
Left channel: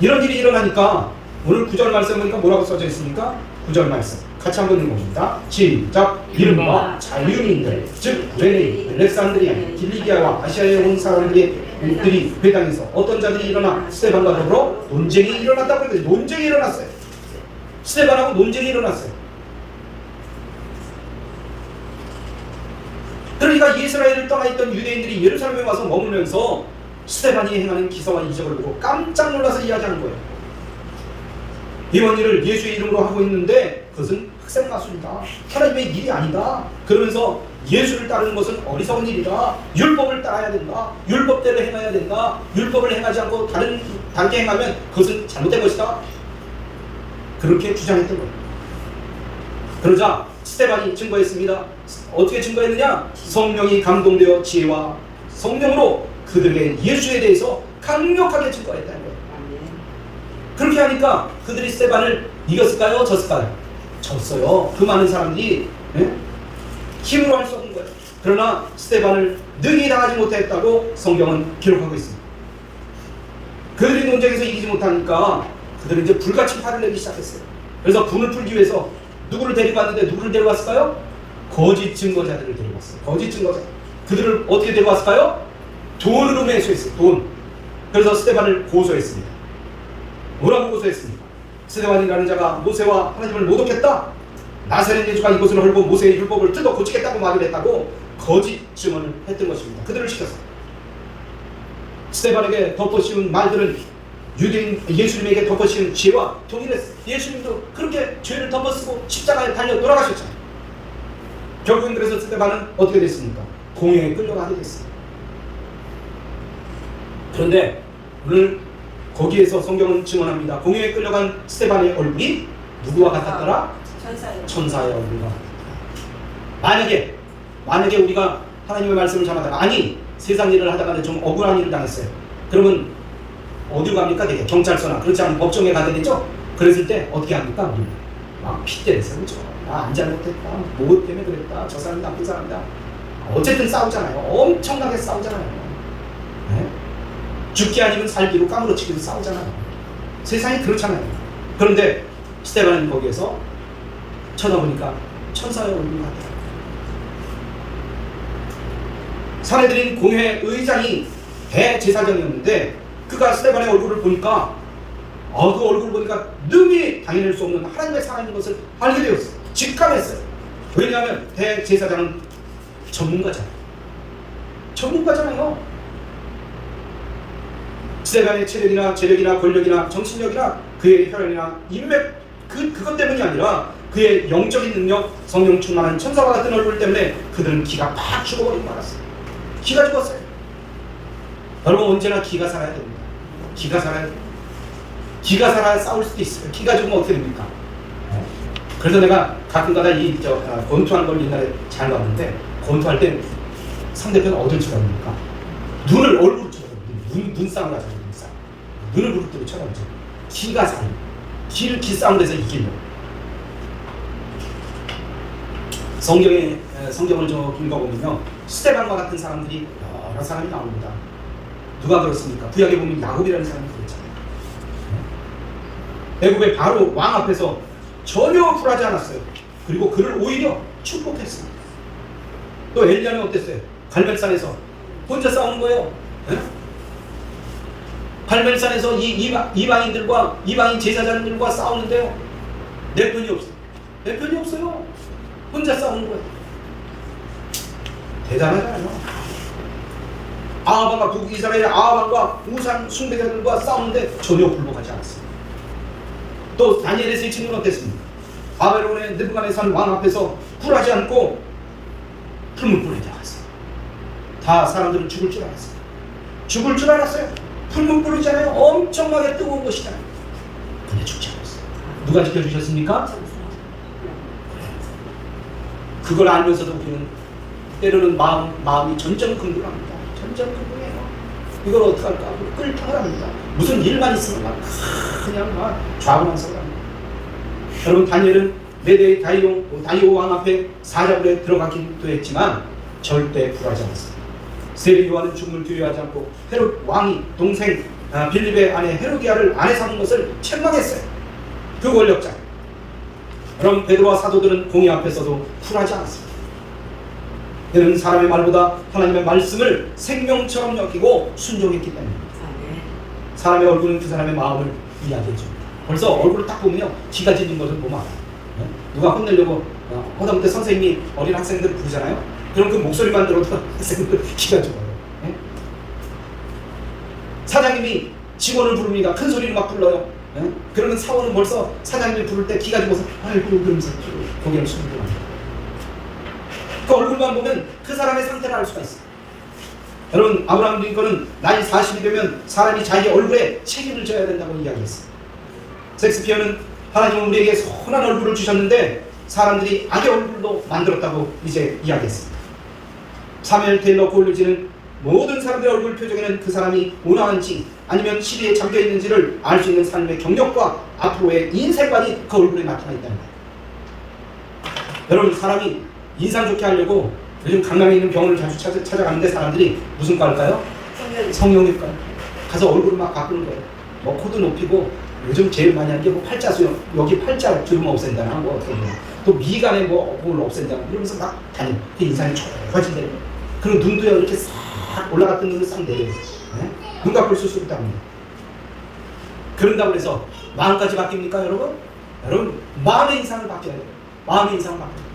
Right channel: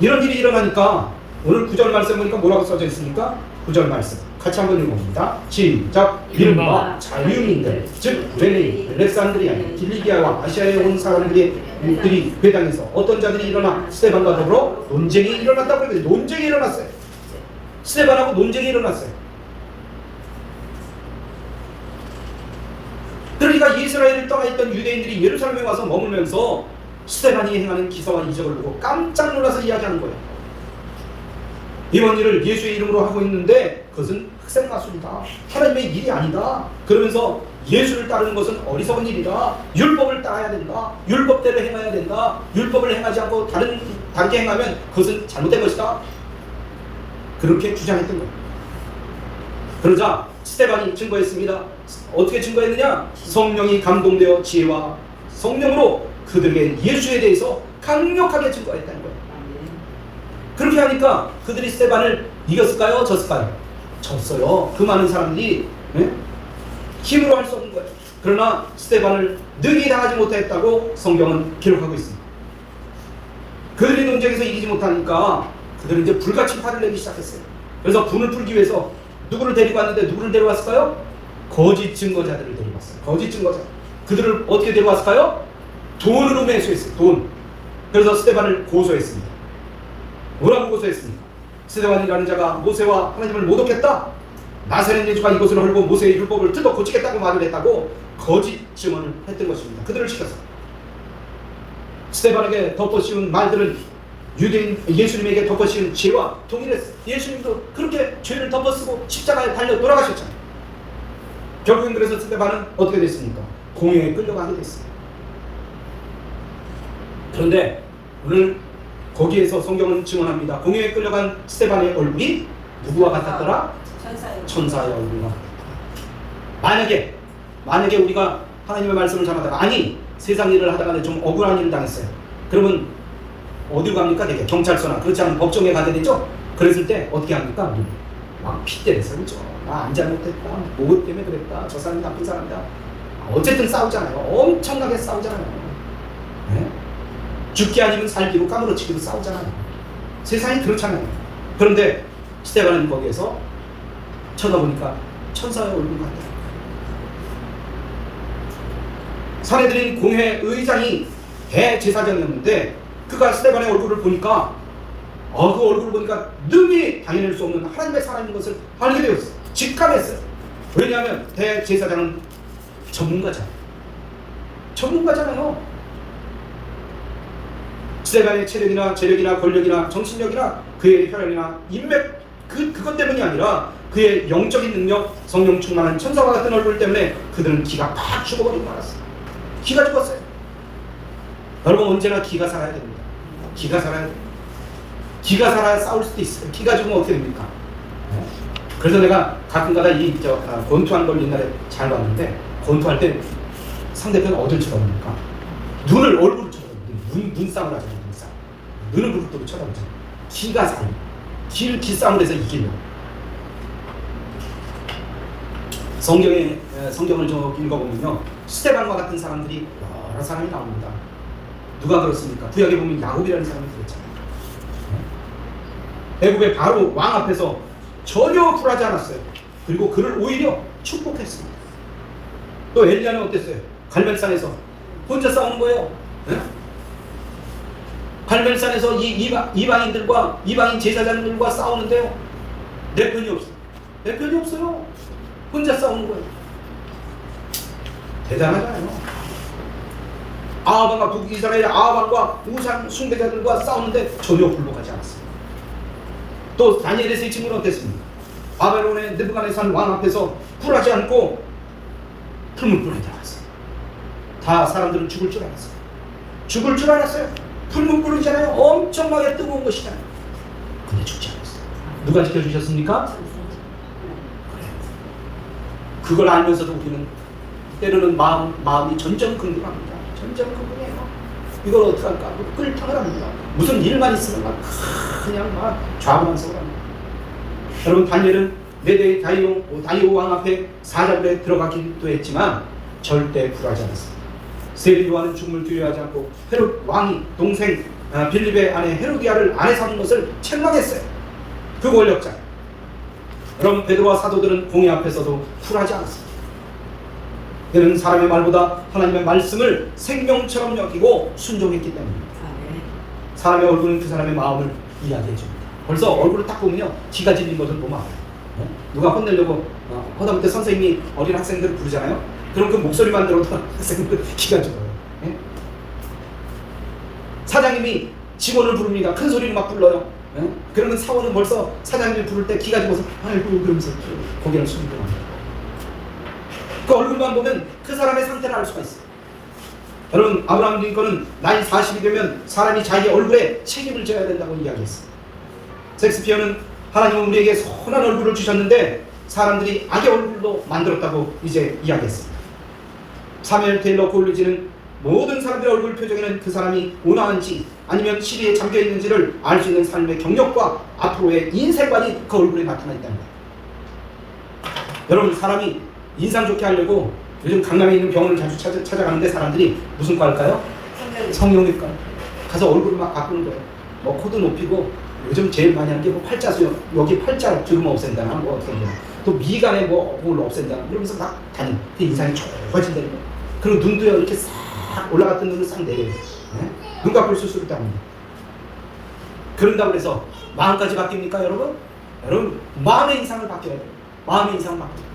[SPEAKER 1] 이런 일이 일어나니까 오늘 구절 말씀 보니까 뭐라고 써져 있습니까? 구절 말씀 같이 한번 읽어봅니다. 시작 이른바 자유인들 즉 베네 알렉산드리아 딜리기아와 아시아에 온 사람들이 들이 회당에서 어떤 자들이 일어나 스테반과 더불어 논쟁이 일어났다고 그러는데 논쟁이 일어났어요. 스테반하고 논쟁이 일어났어요. 그러니까 이스라엘을 떠나 있던 유대인들이 예루살렘에 와서 머물면서 스테반이 행하는 기사와 이적을 보고 깜짝 놀라서 이야기하는 거예요. 이번 일을 예수의 이름으로 하고 있는데 그것은 학생 마술이다. 하나님의 일이 아니다. 그러면서 예수를 따르는 것은 어리석은 일이다. 율법을 따라야 된다. 율법대로 행해야 된다. 율법을 행하지 않고 다른 다르게 행하면 그것은 잘못된 것이다. 그렇게 주장했던 거예요. 그러자 스테반이 증거했습니다. 어떻게 증거했느냐? 성령이 감동되어 지혜와 성령으로 그들에게 예수에 대해서 강력하게 증거했다는 거예요. 그렇게 하니까 그들이 스테반을 이겼을까요? 졌을까요? 졌어요. 그 많은 사람들이 예? 힘으로 할 수 없는 거예요. 그러나 스테반을 능히 당하지 못했다고 성경은 기록하고 있습니다. 그들이 논쟁에서 이기지 못하니까 그들은 이제 불같이 화를 내기 시작했어요. 그래서 분을 풀기 위해서 누구를 데리고 왔는데 누구를 데려왔을까요? 거짓 증거자들을 데려왔어요. 거짓 증거자. 그들을 어떻게 데려왔을까요? 돈으로 매수했어요. 돈. 그래서 스테반을 고소했습니다. 뭐라고 고소했습니까? 스테반이라는 자가 모세와 하나님을 모독했다. 나사렛 예수가 이곳을 헐고 모세의 율법을 뜯어 고치겠다고 말을 했다고 거짓 증언을 했던 것입니다. 그들을 시켰어요. 스테반에게 덮어씌운 말들은 유대인 예수님에게 덮어씌운 죄와 동일했어요. 예수님도 그렇게 죄를 덮어쓰고 십자가에 달려 돌아가셨잖아요. 결국엔 그래서 스테반은 어떻게 됐습니까? 공회에 끌려가게 됐어요. 그런데 오늘 거기에서 성경은 증언합니다. 공회에 끌려간 스테반의 얼굴이 누구와 같았더라?
[SPEAKER 2] 천사예요.
[SPEAKER 1] 천사의 얼굴과 같았다. 만약에 만약에 우리가 하나님의 말씀을 전하다가 아니 세상 일을 하다가 좀 억울한 일을 당했어요. 그러면 어디로 갑니까? 되게 경찰서나 그렇지 않으면 법정에 가게 되죠. 그랬을 때 어떻게 합니까? 막 핏대를 세우죠. 나안 잘못했다. 뭐 때문에 그랬다. 저 사람이 나쁜 사람이다. 어쨌든 싸우잖아요. 엄청나게 싸우잖아요. 네? 죽기 아니면 살기로 까무러치기로 싸우잖아요. 세상이 그렇잖아요. 그런데 스테반은 거기에서 쳐다보니까 천사의 얼굴 같아요. 사내들인 공회 의장이 대제사장이었는데 그가 스테반의 얼굴을 보니까 어, 그 얼굴을 보니까 능히 당해낼 수 없는 하나님의 사람인 것을 알게 되었어요. 직감했어요. 왜냐하면 대제사장은 전문가잖아요. 전문가잖아요. 스테반의 체력이나 재력이나 권력이나 정신력이나 그의 혈연이나 인맥 그 그것 때문이 아니라 그의 영적인 능력, 성령 충만한 천사와 같은 얼굴 때문에 그들은 기가 팍 죽어버리고 말았어요. 기가 죽었어요. 여러분 언제나 기가 살아야 됩니다. 기가 됩니다. 기가 살아야 싸울 수도 있어요. 기가 죽으면 어떻게 됩니까? 네? 그래서 내가 가끔가다 이 저 아, 권투하는 걸 옛날에 잘 봤는데 권투할 때 상대편 어딜 쳐다봅니까? 눈을 얼굴을 쳐다봅니다. 눈 눈싸움을 하죠. 눈싸움. 눈을 부릅뜨고 쳐다보죠. 기가 살아. 기를 기싸움 돼서 이기려고. 성경에 에, 성경을 좀 읽어보면요 스테반과 같은 사람들이 여러 사람이 나옵니다. 누가 그렇습니까? 구약에 보면 야곱이라는 사람이 그랬잖아요. 애굽의 바로 왕 앞에서 전혀 굴하지 않았어요. 그리고 그를 오히려 축복했습니다. 또 엘리야는 어땠어요? 갈멜산에서 혼자 싸우는 거예요. 예? 갈멜산에서 이 이방, 이방인들과 이방인 제사장들과 싸우는데요. 내 편이 없어요. 내 편이 없어요. 혼자 싸우는 거예요. 대단하잖아요. 아하방과 북이스라엘 아하방과 우상 숭배자들과 싸우는데 전혀 굴복하지 않았어요. 또 다니엘의 세 친구는 어땠습니까? 바벨론의 느부갓네살 왕 앞에서 굴하지 않고 풀물 뿌리지 않았어요. 다 사람들은 죽을 줄 알았어요. 죽을 줄 알았어요. 풀물 뿌리잖아요. 엄청나게 뜨거운 것이잖아요. 근데 죽지 않았어요. 누가 지켜주셨습니까? 그걸 알면서도 우리는 때로는 마음, 마음이 전전긍긍합니다. 전전긍긍해요. 이걸 어떡할까? 끌탕을 합니다. 무슨 일만 있으면 막 그냥 막 좌우만서 합니다. 여러분 다니엘은 메데 다이오 다이오 왕 앞에 사자굴에 들어가기도 했지만 절대 굴하지 않았습니다. 세리 요한은 죽음을 두려워하지 않고 헤롯 왕이 동생 아, 빌립의 아내 헤로디아를 아내 삼은 것을 책망했어요. 그 권력자. 그럼 베드로와 사도들은 공의 앞에서도 굴하지 않았습니다. 그는 사람의 말보다 하나님의 말씀을 생명처럼 여기고 순종했기 때문입니다. 사람의 얼굴은 그 사람의 마음을 이야기해 줍니다. 벌써 얼굴을 딱 보면 기가 질린 것을 보면 알아요. 어? 누가 혼내려고 어, 하다못해 선생님이 어린 학생들 부르잖아요. 그럼 그 목소리만 들어도 학생들 기가 죽어요. 예? 사장님이 직원을 부릅니다. 큰 소리로 막 불러요. 예? 그러면 사원은 벌써 사장님이 부를 때 기가 죽어서 아이고 그러면서 고개를 숙이고. 그 얼굴만 보면 그 사람의 상태를 알 수가 있어요. 여러분 아브라함 링컨은 나이 40이 되면 사람이 자기 얼굴에 책임을 져야 된다고 이야기했어요. 섹스피어는 하나님은 우리에게 선한 얼굴을 주셨는데 사람들이 악의 얼굴로 만들었다고 이제 이야기했습니다. 사무엘 테일러 콜리지는 모든 사람들의 얼굴 표정에는 그 사람이 온화한지 아니면 시비에 잠겨 있는지를 알 수 있는 삶의 경력과 앞으로의 인생관이 그 얼굴에 나타나 있답니다. 여러분 사람이 인상 좋게 하려고 요즘 강남에 있는 병원을 자주 찾아, 찾아가는데 사람들이 무슨 과일까요? 성형외과 가서 얼굴 막 바꾸는 거예요. 뭐 코도 높이고 요즘 제일 많이 하는 게 뭐 팔자 수염 여기 팔자 주름 없앤다나 뭐 어떻게 해요. 또 미간에 뭐뭘 없앤다나 이러면서 막 다니는 그 인상이 좋아진다는 거예요. 그리고 눈도 이렇게 싹 올라갔던 눈이 싹 내려요. 네? 눈 감고 수술이 합니다. 그런다고 해서 마음까지 바뀝니까 여러분? 여러분 마음의 인상을 바뀌어야 돼요. 마음의 인상을 바뀌어야 돼요.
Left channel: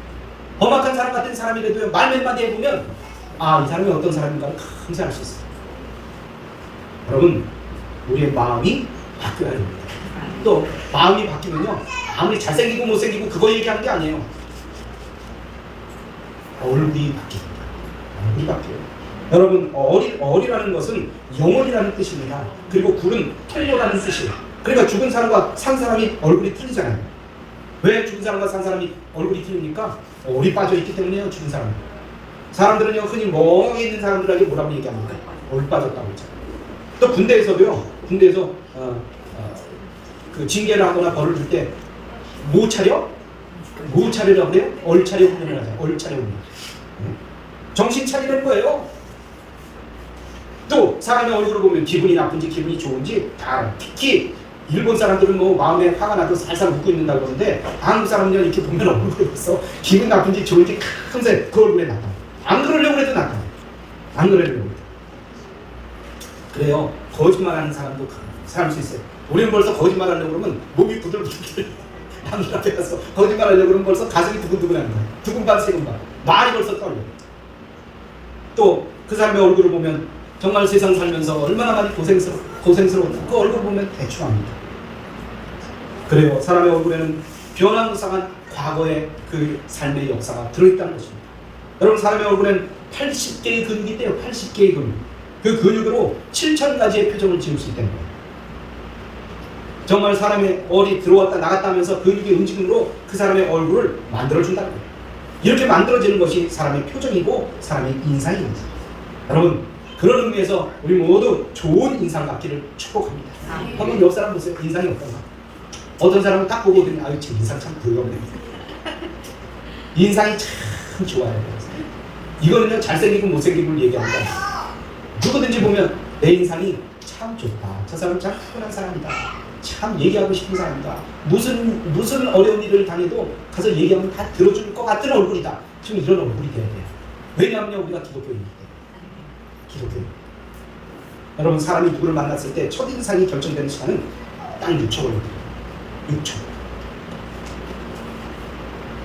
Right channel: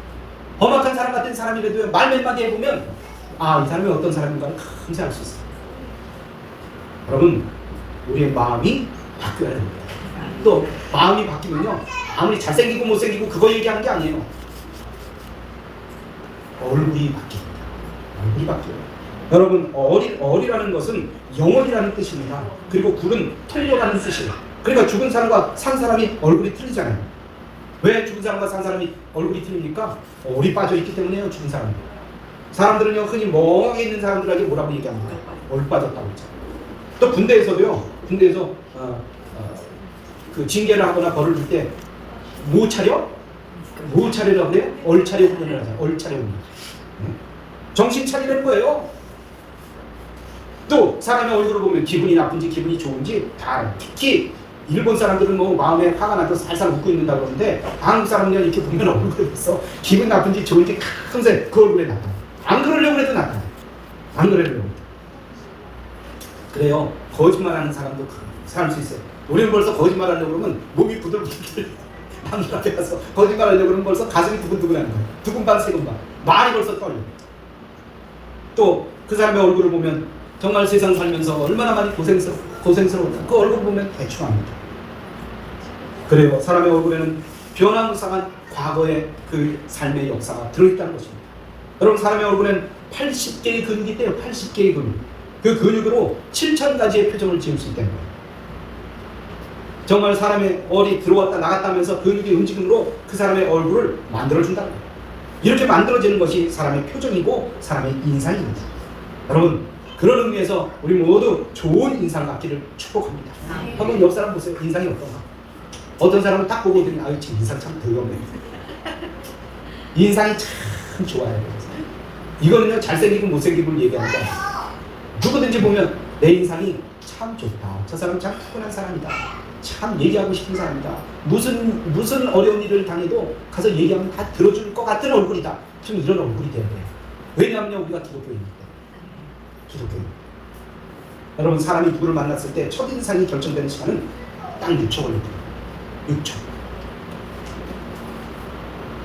[SPEAKER 1] 험악한 사람 같은 사람이라도 말몇 마디 해보면 아 이 사람이 어떤 사람인가를 금세 알수 있어요. 여러분 우리의 마음이 바뀌어야 됩니다. 또 마음이 바뀌면요 아무리 잘생기고 못생기고 그거 얘기하는 게 아니에요. 얼굴이 바뀝니다. 얼굴이 바뀌어요. 여러분 어리, 어리라는 것은 영원이라는 뜻입니다. 그리고 굴은 통로라는 뜻이에요. 그러니까 죽은 사람과 산 사람이 얼굴이 틀리잖아요. 왜 죽은 사람과 산 사람이 얼굴이 틀립니까? 얼이 빠져 있기 때문에요. 죽은 사람이. 사람들은요 흔히 멍하게 있는 사람들에게 뭐라고 얘기합니까? 얼 빠졌다고 했잖아요. 또 군대에서도요. 군대에서 어, 어, 그 징계를 하거나 벌을 줄 때 뭐 차려? 뭐 차려라고 해요? 얼 차려 훈련을 하잖아요. 얼 차려 훈련. 응? 정신 차리는 거예요. 또 사람의 얼굴을 보면 기분이 나쁜지 기분이 좋은지 다. 특히 일본 사람들은 뭐 마음에 화가 나서 살살 웃고 있는다 그러는데 한국 사람들은 이렇게 보면 얼굴에 벌써 기분 나쁜지 좋은지 항상 그 얼굴에 나타나. 안 그러려고 해도 나타나. 안 그러려고 해도. 그래요. 거짓말하는 사람도 살 수 있어요. 우리는 벌써 거짓말하려고 그러면 몸이 부들부들. 남들 앞에 가서 거짓말하려고 그러면 벌써 가슴이 두근두근한 거예요. 두근 반 세근 반. 말이 벌써 떨려. 또 그 사람의 얼굴을 보면 정말 세상 살면서 얼마나 많이 고생스러, 고생스러웠나. 그 얼굴 보면 대충 압니다. 그래요. 사람의 얼굴에는 변화무쌍한 과거의 그 삶의 역사가 들어있다는 것입니다. 여러분 사람의 얼굴에는 80개의 근육이 있대요. 80개의 근육. 그 근육으로 7천 가지의 표정을 지을 수 있다는 거예요. 정말 사람의 얼이 들어왔다 나갔다 하면서 근육의 움직임으로 그 사람의 얼굴을 만들어준다는 거예요. 이렇게 만들어지는 것이 사람의 표정이고 사람의 인상입니다. 여러분 그런 의미에서 우리 모두 좋은 인상 갖기를 축복합니다. 한번 옆 사람 보세요. 인상이 어떤가? 어떤 사람은 딱 보고 들으면 아유 저 인상 참 더럽네. 인상이 참참 좋아해요. 이거는요 잘생기고 못생기고 거예요. 누구든지 보면 내 인상이 참 좋다. 저 사람 참 푸근한 사람이다. 참 얘기하고 싶은 사람이다. 무슨 무슨 어려운 일을 당해도 가서 얘기하면 다 들어줄 것 같은 얼굴이다. 지금 이런 얼굴이 돼야 돼요. 왜냐하면 우리가 때문에. 기독교인. 여러분 사람이 누구를 만났을 때 첫인상이 결정되는 시간은 딱 6초 걸립니다. 6초.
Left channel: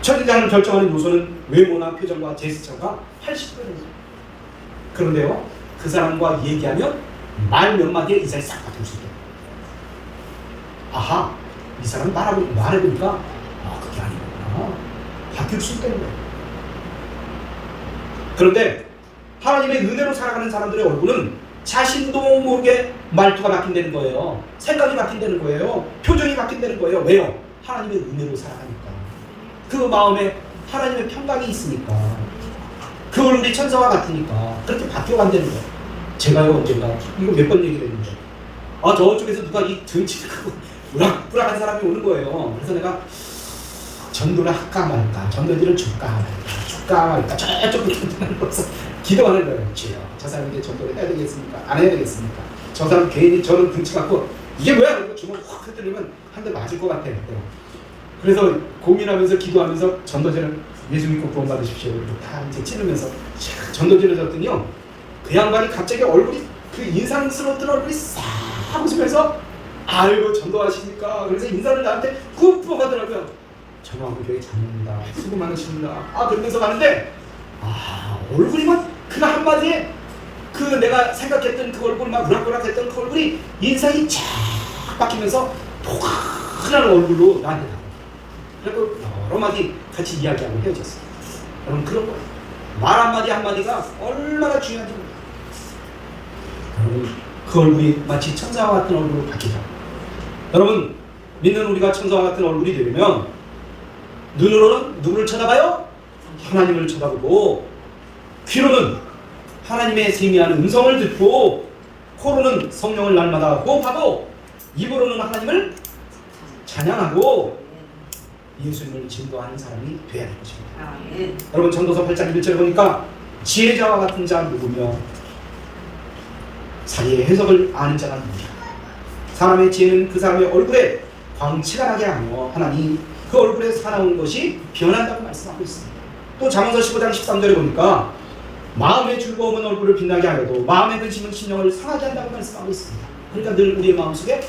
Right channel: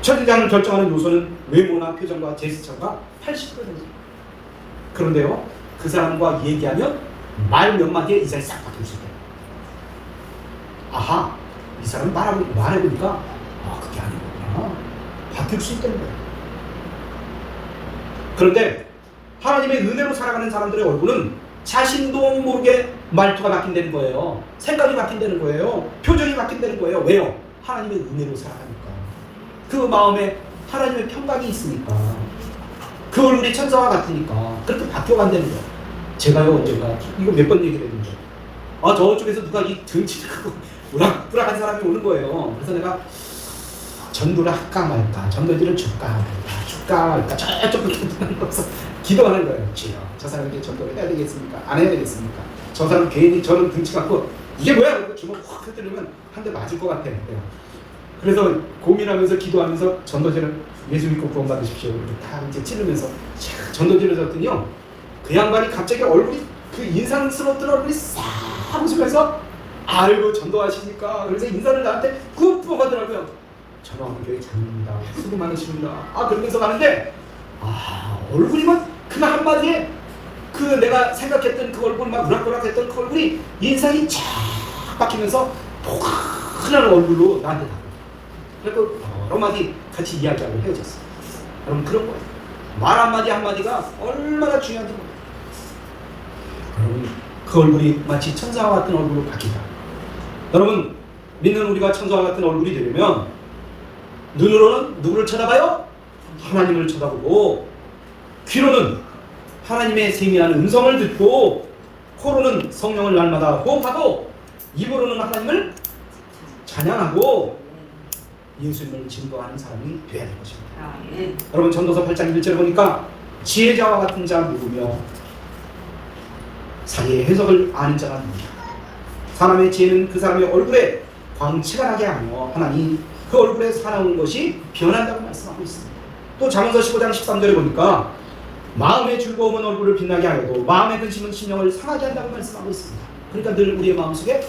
[SPEAKER 1] 첫인상을 결정하는 요소는 외모나 표정과 제스처가 80%입니다. 그런데요, 그 사람과 얘기하면 말 몇 마디에 이사를 싹 바꿀 수 있다. 아하, 이 사람이 말하고, 말해보니까, 아, 그게 아니구나. 바뀔 수 있다는 거예요. 그런데 하나님의 은혜로 살아가는 사람들의 얼굴은 자신도 모르게 말투가 바뀐다는 거예요. 생각이 바뀐다는 거예요. 표정이 바뀐다는 거예요. 왜요? 하나님의 은혜로 살아가니까. 그 마음에 하나님의 평강이 있으니까. 그 얼굴이 천사와 같으니까. 그렇게 바뀌어간다는 거예요. 제가요, 언젠가, 이거 몇 번 얘기를 했는데. 아, 저쪽에서 누가 이 등치고 우락부락한 사람이 오는 거예요. 그래서 내가 전도를 할까 말까, 전도지를 줄까 말까, 줄까 말까, 저쪽 기도하면서 기도하는 거예요. 주여, 저 사람에게 전도를 해야 되겠습니까? 안 해야 되겠습니까? 저 사람 괜히 저는 등치 갖고 이게 뭐야? 그러고 주먹 확 흔들리면 한 대 맞을 것 같아요. 그래서 고민하면서 기도하면서 전도제를 예수 믿고 구원 받으십시오. 이렇게 다 이제 찌르면서 자, 전도제를 줬더니요. 그 양반이 갑자기 얼굴이 그 인상스러웠던 얼굴이 싹 웃으면서 아이고 전도하시니까 그래서 인사를 나한테 꾹 부어가더라고요. 전화하고 교회 장입니다. 수고 많으십니다. 아 그러면서 가는데 아 얼굴이만 그 한마디에 그 내가 생각했던 그 얼굴이 막 우락부락했던 그 얼굴이 인상이 쫙 바뀌면서 포근한 얼굴로 나한테 다. 그리고 여러 마디 같이 이야기하고 헤어졌어요. 여러분 그런 거예요. 말 한마디 한마디가 얼마나 중요한지 몰라요. 여러분 그 얼굴이 마치 천사와 같은 얼굴로 바뀌다. 여러분 믿는 우리가 천사와 같은 얼굴이 되려면 눈으로는 누구를 쳐다봐요? 하나님을 쳐다보고 귀로는 하나님의 세미한 음성을 듣고 코로는 성령을 날마다 호흡하고 입으로는 하나님을 찬양하고 예수님을 증거하는 사람이 되어야 될 것입니다.
[SPEAKER 2] 아멘.
[SPEAKER 1] 여러분 전도서 8장 1절에 보니까 지혜자와 같은 자 누구며 사리의 해석을 아는 자가 누구냐 사람의 지혜는 그 사람의 얼굴에 광채가 나게 하며 하나님 그 얼굴에 사나운 것이 변한다고 말씀하고 있습니다 또 잠언서 15장 13절에 보니까 마음의 즐거움은 얼굴을 빛나게 하여도 마음의 근심은 심령을 상하게 한다고 말씀하고 있습니다 그러니까 늘 우리의 마음속에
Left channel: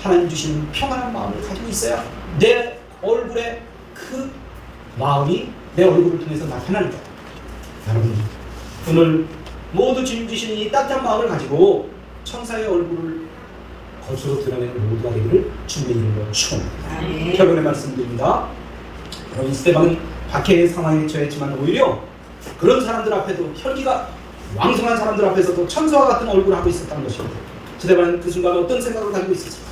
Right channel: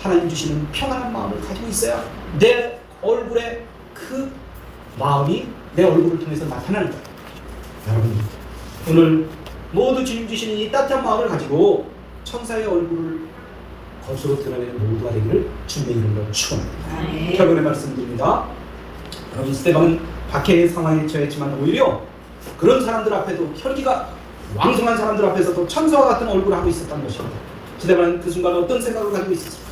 [SPEAKER 1] 하나님 주시는 평안한 마음을 가지고 있어야 내 얼굴에 그 마음이 내 얼굴을 통해서 거예요. 여러분 오늘 모두 주님 주시는 이 따뜻한 마음을 가지고 천사의 얼굴을 겉으로 드러내는 모두가 되기를 주님의 이름으로 축원합니다. 결론의 말씀드립니다. 여러분 스테반은 박해의 상황에 처했지만 오히려 그런 사람들 앞에도 혈기가 왕성한 사람들 앞에서도 천사와 같은 얼굴을 하고 있었다는 것입니다. 스테반은 그 순간 어떤 생각을 가지고 있었을까?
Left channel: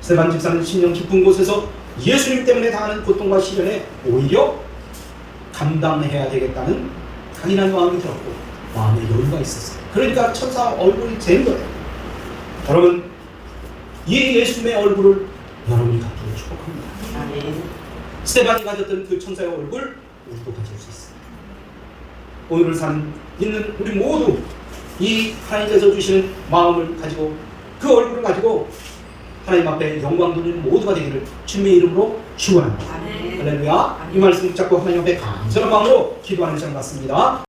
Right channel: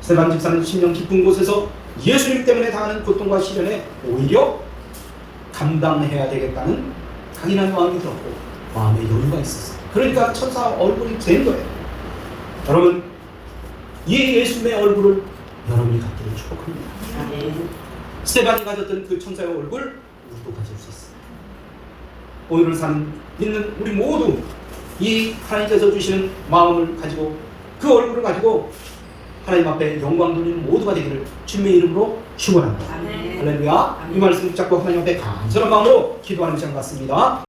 [SPEAKER 1] 스테반 집사는 심령 깊은 곳에서 예수님 때문에 당하는 고통과 시련에 오히려 감당해야 되겠다는 강인한 마음이 들었고 마음에 여유가 있었어요. 그러니까 천사 얼굴이 된 거예요. 여러분 이 예수님의 얼굴을 여러분이 갖기를 축복합니다. 스테반이 가졌던 그 천사의 얼굴 우리도 가질 수 있습니다. 오늘을 사는 있는 우리 모두 이 하나님께서 주시는 마음을 가지고 그 얼굴을 가지고 하나님 앞에 영광 돌리는 모두가 되기를 주님의 이름으로 축원합니다. 할렐루야. 이 말씀 붙잡고 하나님 앞에 감사한 마음으로 기도하는 시간 같습니다.